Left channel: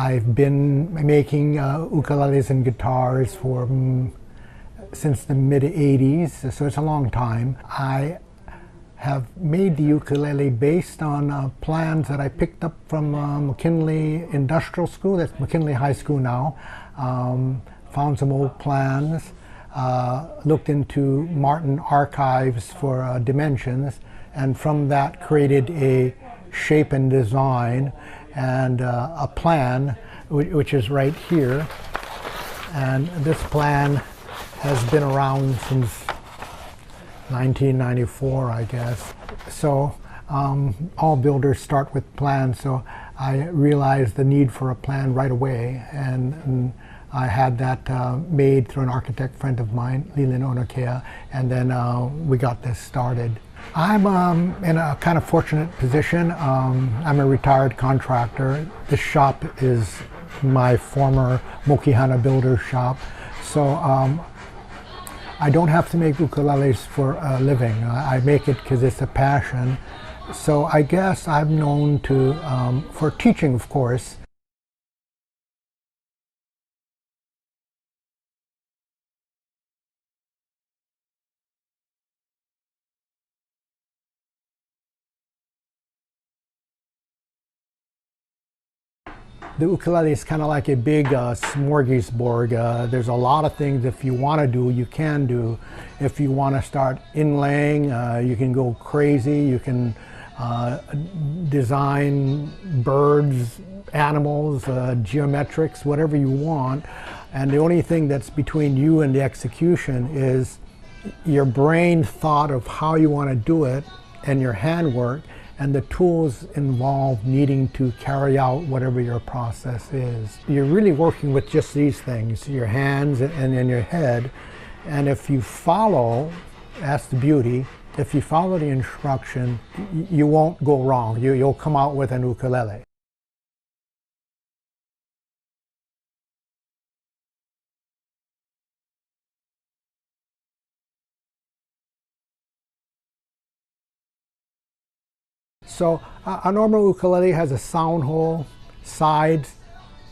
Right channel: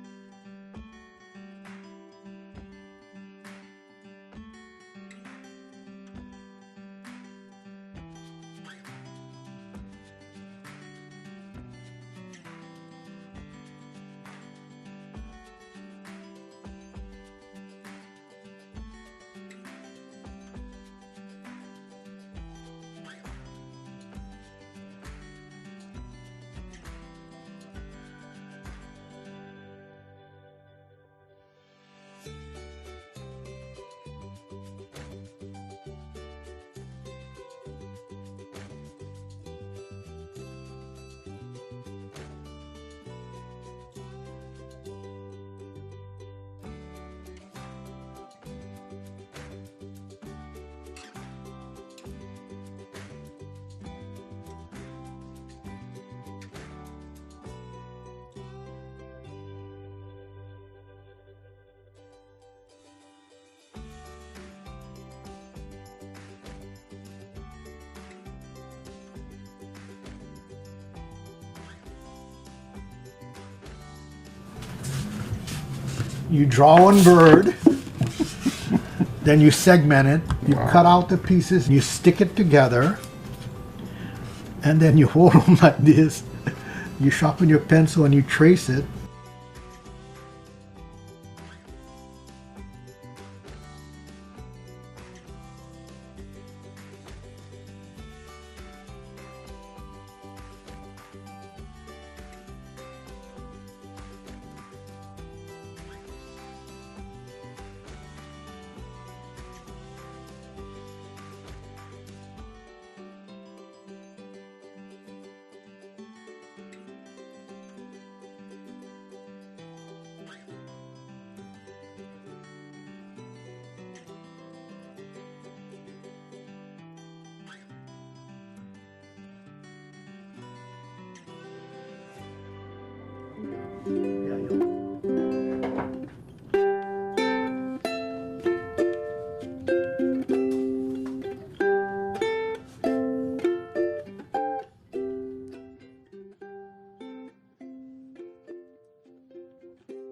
I've been making ukuleles and guitars for since the mid-80s, so it's a long time. I have made the ukulele based on plans that I picked up from McKinley Industrial School, that's McKinley High School now. Found some old plans, looked into Martin archives for dimensions, and from that created a shape and design and a plan, which is right here. And this plan has been around since 1994, I guess. So all builders start with plans, so I realized the need for a plan right away, and I had that made through an architect friend of mine, Leland Onokea, and then we got this started. I'm in a kind of fortunate position. I'm a retired contractor. This shop is my former Mokihana builder shop, so I don't have to make ukuleles for a living. I make it because it's a passion. So I guess I'm known to, for teaching, of course. You draw one bird, then you segment it, you cut out the pieces, you stick it together, and then you hold them like this. You sharpen your pencil and you trace it. The ukulele is kind of like a big smorgasbord. There's a lot of things if you want to do, you can do. If you want to start inlaying, you can go crazy. You can design birds, animals, geometrics, whatever you want. And the only thing that's between you and the execution is your brain thought of how you want to do it and your handwork and the tools involved needing to carry out whatever your process is. You're really working with just these things, your hands and your head. And if you follow, that's the beauty, if you follow the instruction, you won't go wrong. You'll come out with an ukulele. So a normal ukulele has a sound hole, sides,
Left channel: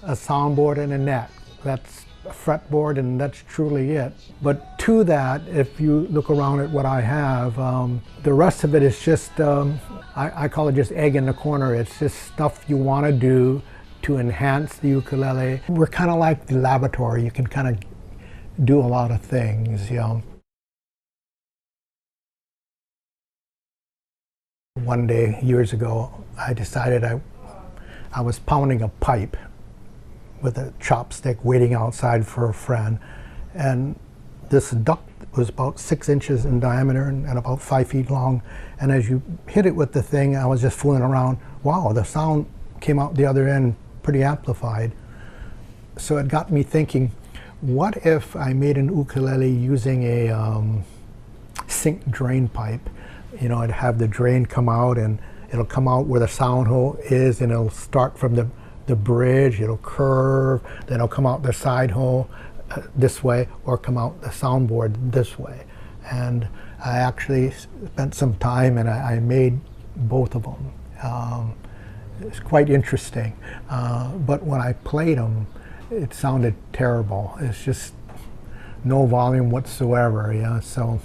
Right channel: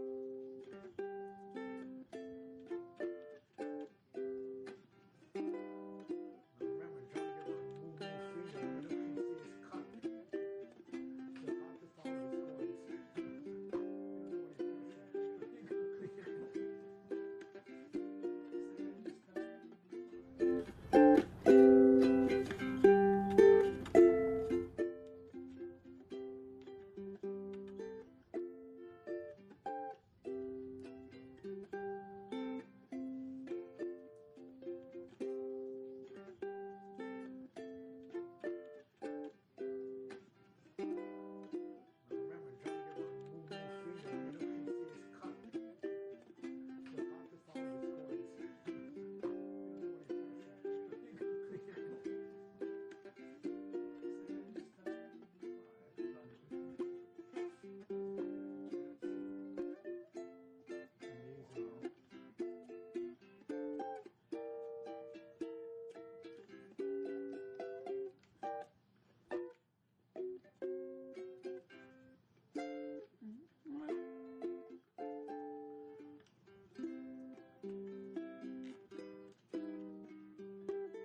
a soundboard, and a neck. That's a fretboard, and that's truly it. But to that, if you look around at what I have, the rest of it is just, I call it just egg in the corner. It's just stuff you want to do to enhance the ukulele. We're kind of like the laboratory. You can kind of do a lot of things, you know. One day, years ago, I decided I was pounding a pipe with a chopstick waiting outside for a friend. And this duck was about 6 inches in diameter and about 5 feet long. And as you hit it with the thing, I was just fooling around. Wow, the sound came out the other end pretty amplified. So it got me thinking, what if I made an ukulele using a sink drain pipe? You know, I'd have the drain come out, and it'll come out where the sound hole is, and it'll start from the bridge, it'll curve, then it'll come out the side hole this way, or come out the soundboard this way. And I actually spent some time and I made both of them. It's quite interesting, but when I played them, it sounded terrible. It's just no volume whatsoever, yeah, so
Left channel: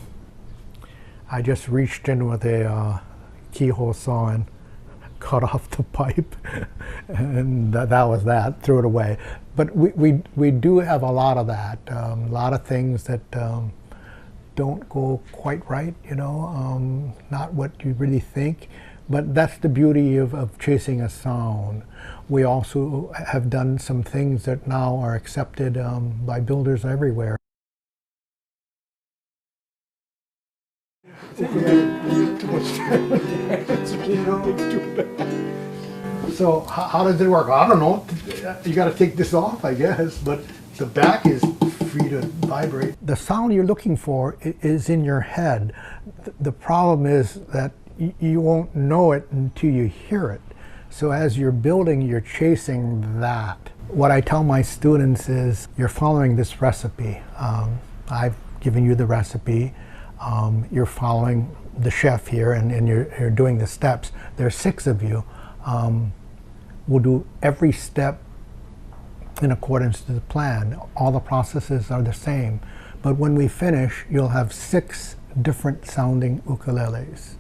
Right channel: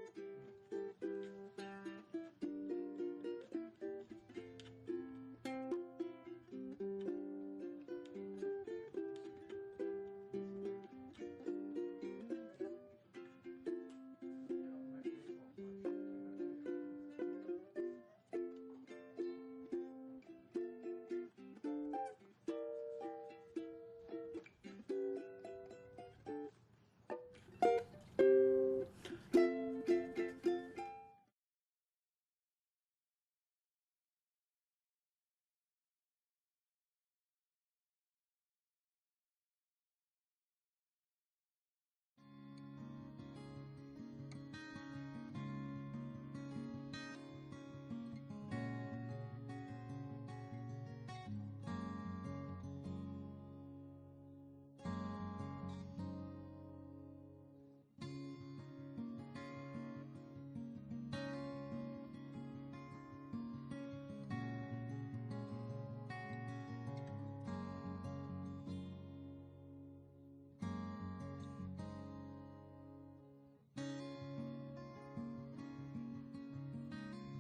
I just reached in with a keyhole saw and cut off the pipe, and that was that, threw it away. But we do have a lot of that, a lot of things that don't go quite right, you know, not what you really think, but that's the beauty of chasing a sound. We also have done some things that now are accepted by builders everywhere. So how does it work? I don't know. You got to take this off, I guess, but the back is free to vibrate. The sound you're looking for is in your head. The problem is that you won't know it until you hear it. So as you're building, you're chasing that. What I tell my students is, you're following this recipe. I've given you the recipe. You're following the chef here, and you're doing the steps. There's 6 of you. We'll do every step in accordance to the plan. All the processes are the same. But when we finish, you'll have 6 different sounding ukuleles.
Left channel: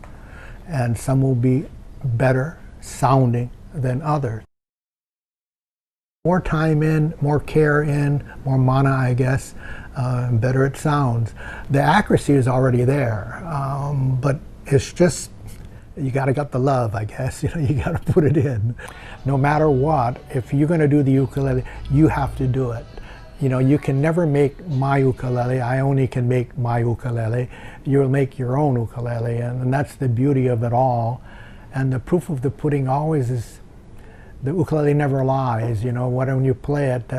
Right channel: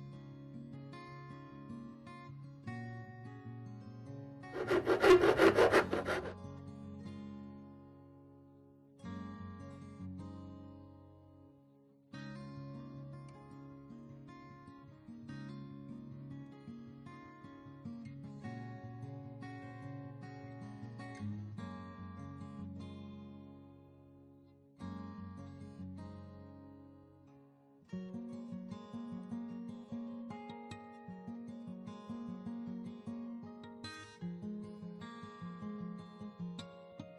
And some will be better sounding than others. More time in, more care in, more mana, I guess, better it sounds. The accuracy is already there, but it's just, you gotta get the love, I guess. You know, you gotta put it in. No matter what, if you're gonna do the ukulele, you have to do it. You know, you can never make my ukulele. I only can make my ukulele. You'll make your own ukulele, and that's the beauty of it all. And the proof of the pudding always is the ukulele never lies. You know, when you play it,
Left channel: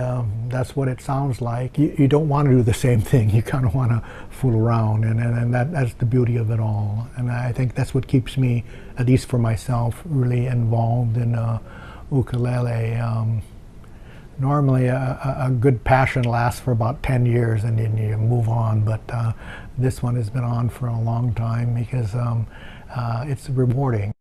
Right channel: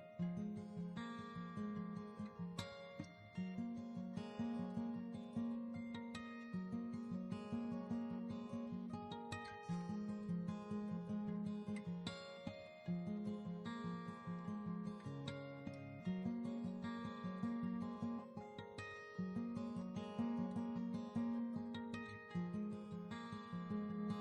that's what it sounds like. You don't want to do the same thing. You kind of want to fool around, and that's the beauty of it all. And I think that's what keeps me, at least for myself, really involved in ukulele. Normally, a good passion lasts for about 10 years and then you move on, but this one has been on for a long time because it's rewarding.